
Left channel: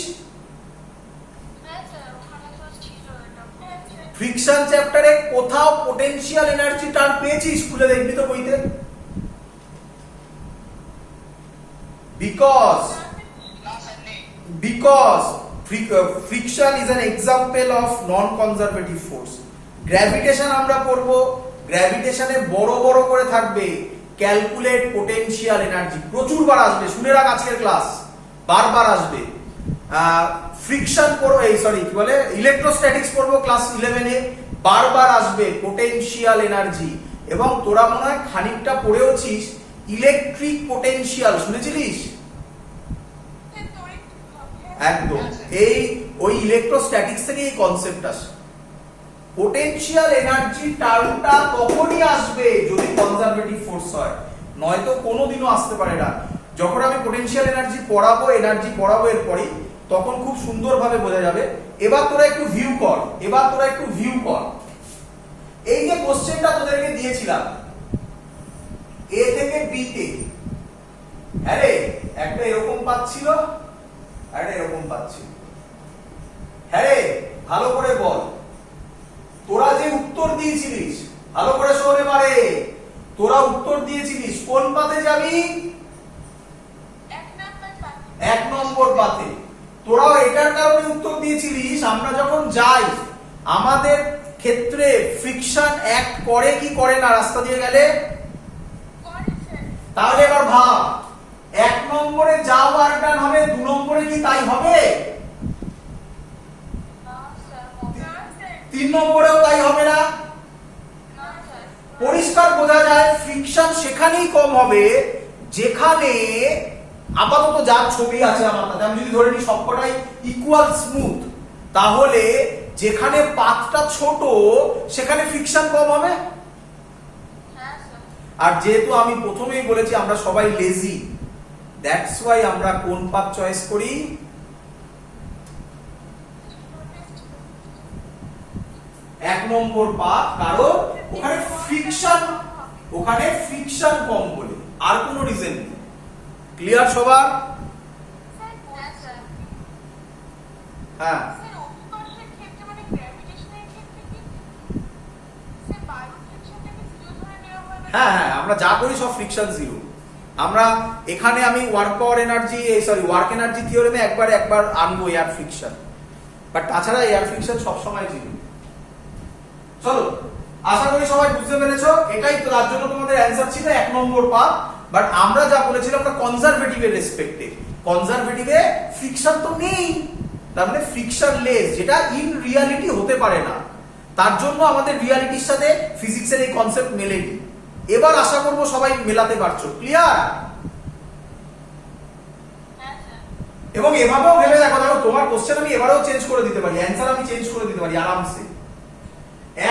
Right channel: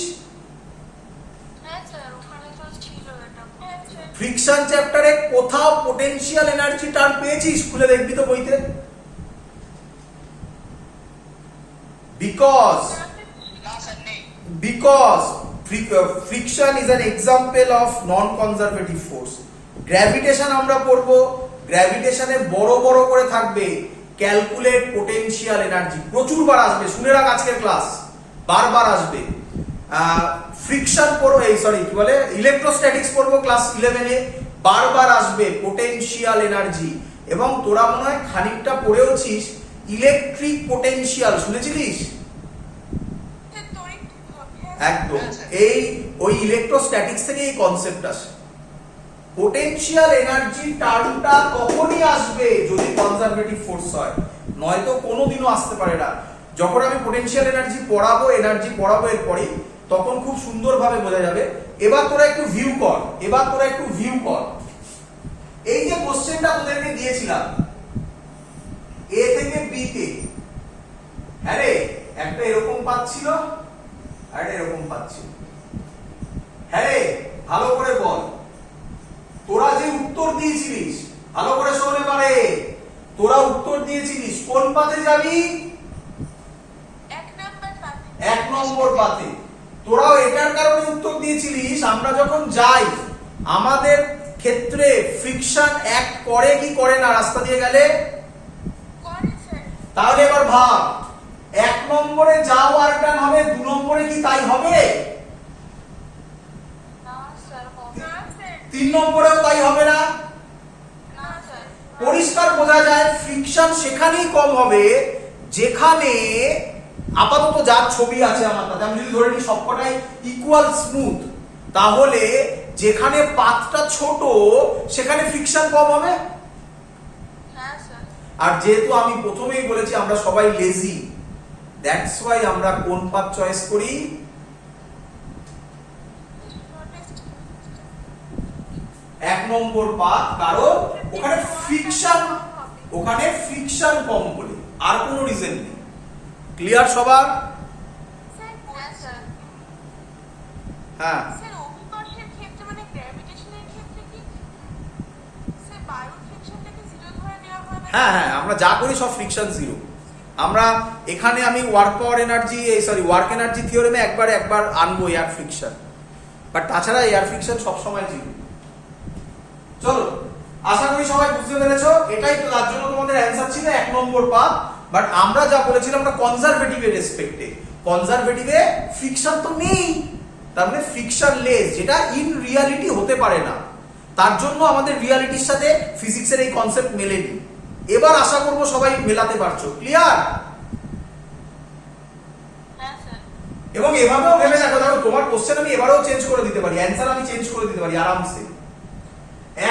ফ্রিকশন চ্যাপ্টারে কোথাও পোটেনশিয়াল এনার্জি টার্ম পেয়েছিস? খুলে দেখবি তো বইতে। because friction is an example of non conservative force। Gravitation আমরা পড়ব, গ্র্যাভিটেশনে বড় বড় করে থাকবে ক্যালকুলেট পোটেনশিয়াল এনার্জি, প্রচুর বার আসবে, শুনে রাখ আজকের ক্লাস, বারবার আসবে। ফ্রিকশন পড়ো, এই সরি কি বলে ইলেকট্রোস্ট্যাটিক্স পড়বো ক্লাস 11 এ, বারবার আসবে পোটেনশিয়াল এনার্জি। এবং তোরা মনে হয় খানিকটা পড়েওছিস ইলেকট্রিক পোটেনশিয়াল, শুনেছিলিস? একদম, এই ওই ইলেকট্রোস্ট্যাটিক্স থেকে এই কনসেপ্ট আসে। পোটেনশিয়াল এনার্জি টার্মটা তখনই আসবে যদি কনজারভেটিভ ফোর্স হয়, নয়তো কোনোদিনও আসতে পারে না। যখন আমি পোটেনশিয়াল এনার্জি পড়াবো এরপরই, তখন খুব সুন্দরভাবে বোঝা যাবে। এবার তোরা একটু ভিউ কর, এই যে কোশ্চেনটা তোদেরকে দিয়েছিলাম এ থেকে বি তে, হ্যাঁ রে, একটা এরকম পাচ্ছিল আর একটা এরকম পাচ্ছিল, হ্যাঁ রে, ভালো করে বল। তোরা যে উত্তর দিয়েছিলিস, ভালো করে শোন এবারে, তোরা উত্তর দিয়েছিলিস কোন পাতে যাবি? 1 নম্বর পাতে। তোরাও এটার কারণে উত্তর দিয়েছিলিস আমরা যখন যাই আমাদের ক্ষেত্রে ফ্রিকশন অ্যাক্ট করে কি করে না রাস্তা দিয়ে গেলে? তাহলে এবার ভাব, 1 নম্বরে যা ওয়ার্ক ডান হবে 2 নম্বরে কি তাই হবে? 3 নম্বরেও তাই হবে না? পরিষ্কার বোঝা যায় ফ্রিকশন সেখানেই কম হবে যেখানে আপাতত যার ছবি আছে আমার কাছে, আমি যদি ধরে নিই সবকটাই ইকুয়াল স্মুথ, তাহলে যেখানে পাথটা ছোট সেখানে ফ্রিকশন কম হবে। আর যেহেতু আমি প্রথমেই বলেছি আমরা সবাই লেজি, দ্যাটস ওয়াই আমরা কোন পাথ চয়েস করি? 1 নম্বর পাথ, কারণ ওখানে ফ্রিকশন কম বলে, আর কোনো রিজন নেই। ক্লিয়ার সবার? হ্যাঁ স্যার অভিকর্ষের ক্ষেত্রে মানে গ্র্যাভিটেশনের ক্ষেত্রে কি স্যার বায়ু ফ্রিকশনটাকে জিরো ধরে নেওয়া হয় না? হ্যাঁ হ্যাঁ, আমরা যা করি সব ফ্রিকশন জিরো। আমরা এখানে আমি work power energy work energy থিওরেমে একবার আনবো এয়ার ফ্রিকশন, বাট তাছাড়া এয়ার ফ্রিকশন সবসময় জিরো। চলো, আশা করি সবাই বুঝতে পেরেছো। এটাই তো তার জন্য তোমাদের অ্যান্সার ছিল 1 নম্বর পার্ট। বাট আমরা যা বলেছিলাম আমরা কনজারভেটিভের রেসপেক্টে, কনজারভেটিভে ফ্রিকশন তো নেই, তার মানে ফ্রিকশন লেস, যেটা ইন রিয়ালিটি হতে পারে না। তার জন্য আমাদের রিয়ালিটির সাথে ফিজিক্সের এই কনসেপ্ট মেলেনি। এবার আশা করব সবাই মেলাতে পারছো। ক্লিয়ার? হ্যাঁ স্যার। এবং এভাবেও ভেবে দেখো, তোমার কোশ্চেন আমি এবারেও চেঞ্জ করে দিতে পারি, অ্যান্সার আমি চেঞ্জ করে দিতে পারি আরামসে।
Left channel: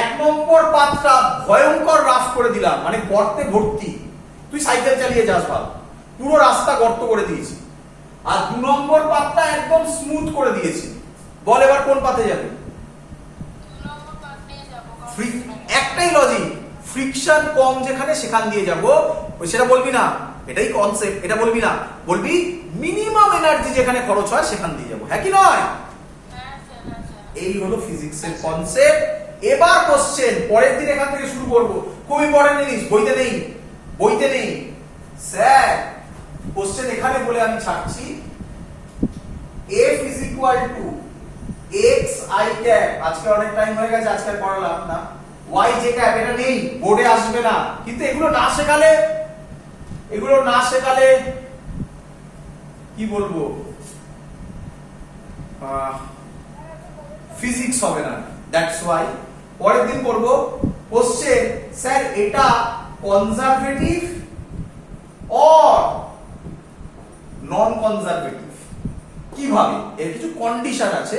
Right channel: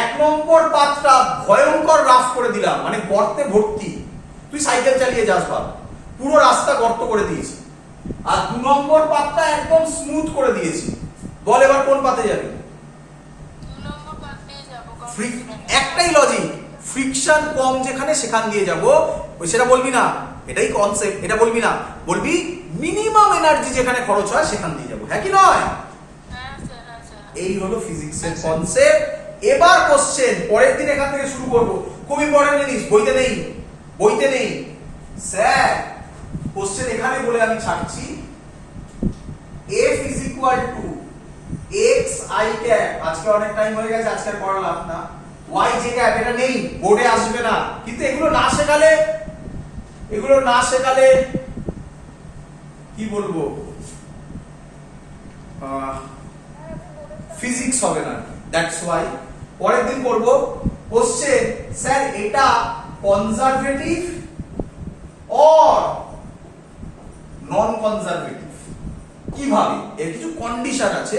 1 নম্বর পাতটা ভয়ঙ্কর রাফ করে দিলাম, মানে গর্তে ভর্তি, তুই সাইকেল চালিয়ে যাস ভাব, পুরো রাস্তা গর্ত করে দিয়েছি। আর 2 নম্বর পাতটা একদম স্মুথ করে দিয়েছি। বল এবার কোন পাতে যাবি? একটাই লজিক, ফ্রিকশন কম যেখানে সেখান দিয়ে যাবো, ওই সেটা বলবি না, এটাই কনসেপ্ট। এটা বলবি না, বলবি মিনিমাম এনার্জি যেখানে খরচ হয় সেখান দিয়ে যাবো, হ্যাঁ কি নয়? এই হলো ফিজিক্সের কনসেপ্ট। এবার কোশ্চেন পরের দিন এখান থেকে শুরু করব। খুবই পড়েন জিনিস, বইতে নেই, বইতে নেই স্যার। কোশ্চেন এখানে বলে আমি ছাড়ছি, f is equal to x i cap, আজকে অনেক টাইম হয়ে গেছে, আজকে আর পড়ালাম না। y j cap এটা নেই, বোর্ডে আসবে না। কিন্তু এগুলো না শেখালে কি বলবো, ফিজিক্স হবে না। দ্যাটস ওয়াই পরের দিন করব কোশ্চেন, স্যার এটা কনজারভেটিভ অর নন কনজারভেটিভ, কিভাবে, এর কিছু কন্ডিশন আছে,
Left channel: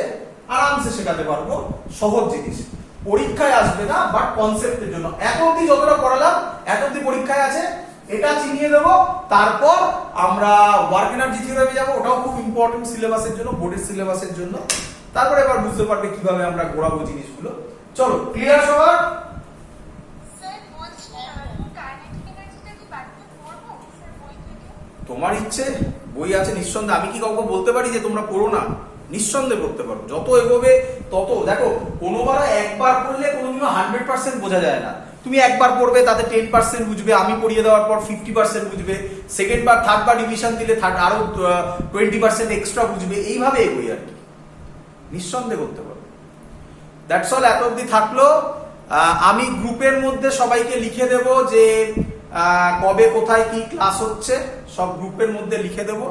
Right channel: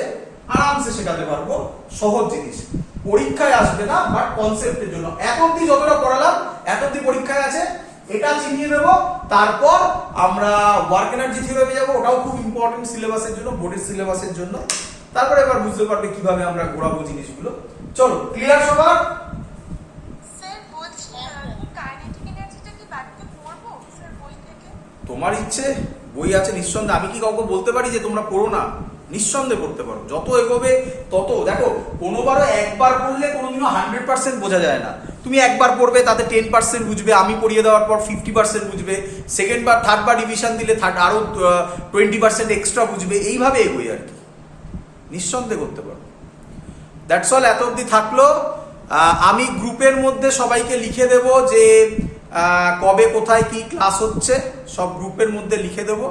আরামসে শেখাতে পারবো, সহজ জিনিস, পরীক্ষায় আসবে না, বাট কনসেপ্টের জন্য এত অবধি যতটা পড়ালাম এত অবধি পরীক্ষায় আছে, এটা চিনিয়ে দেবো। তারপর আমরা ওয়ার্ক এনার্জি থিওরি যাব, ওটাও খুব ইম্পর্টেন্ট সিলেবাসের জন্য, বোর্ডের সিলেবাসের জন্য। তারপরে এবার বুঝতে পারবে কিভাবে আমরা ঘোরাবো জিনিসগুলো। চলো, ক্লিয়ার সবার? স্যার বলছি কাইনেটিক এনার্জিটা কি বাড়িতে পড়বো স্যার বই থেকে? তোমার ইচ্ছে, বই আছে নিঃসন্দেহে। আমি কি কাউকে বলতে পারি যে তোমরা পড়ো না? নিঃসন্দেহে পড়তে পারো, যত এগোবে তত। দেখো, কোনোবারও একবার পড়লে কোনোদিনও 100% বোঝা যায় না। তুমি একবার পড়বে, তাতে 10% বুঝবে, আমি পড়িয়ে দেওয়ার পর 50% বুঝবে, সেকেন্ড বার থার্ড বার রিভিশন দিলে আরো 20% এক্সট্রা বুঝবে, এইভাবে এগোই আর কি, নিঃসন্দেহে করতে পারো। দ্যাটস অল, এত অবধি থাকলো। আমি গ্রুপের মধ্যে সবাইকে লিখে দেব যে কবে কোথায় কি ক্লাস হচ্ছে, সব গ্রুপের মধ্যে লিখে দেবো।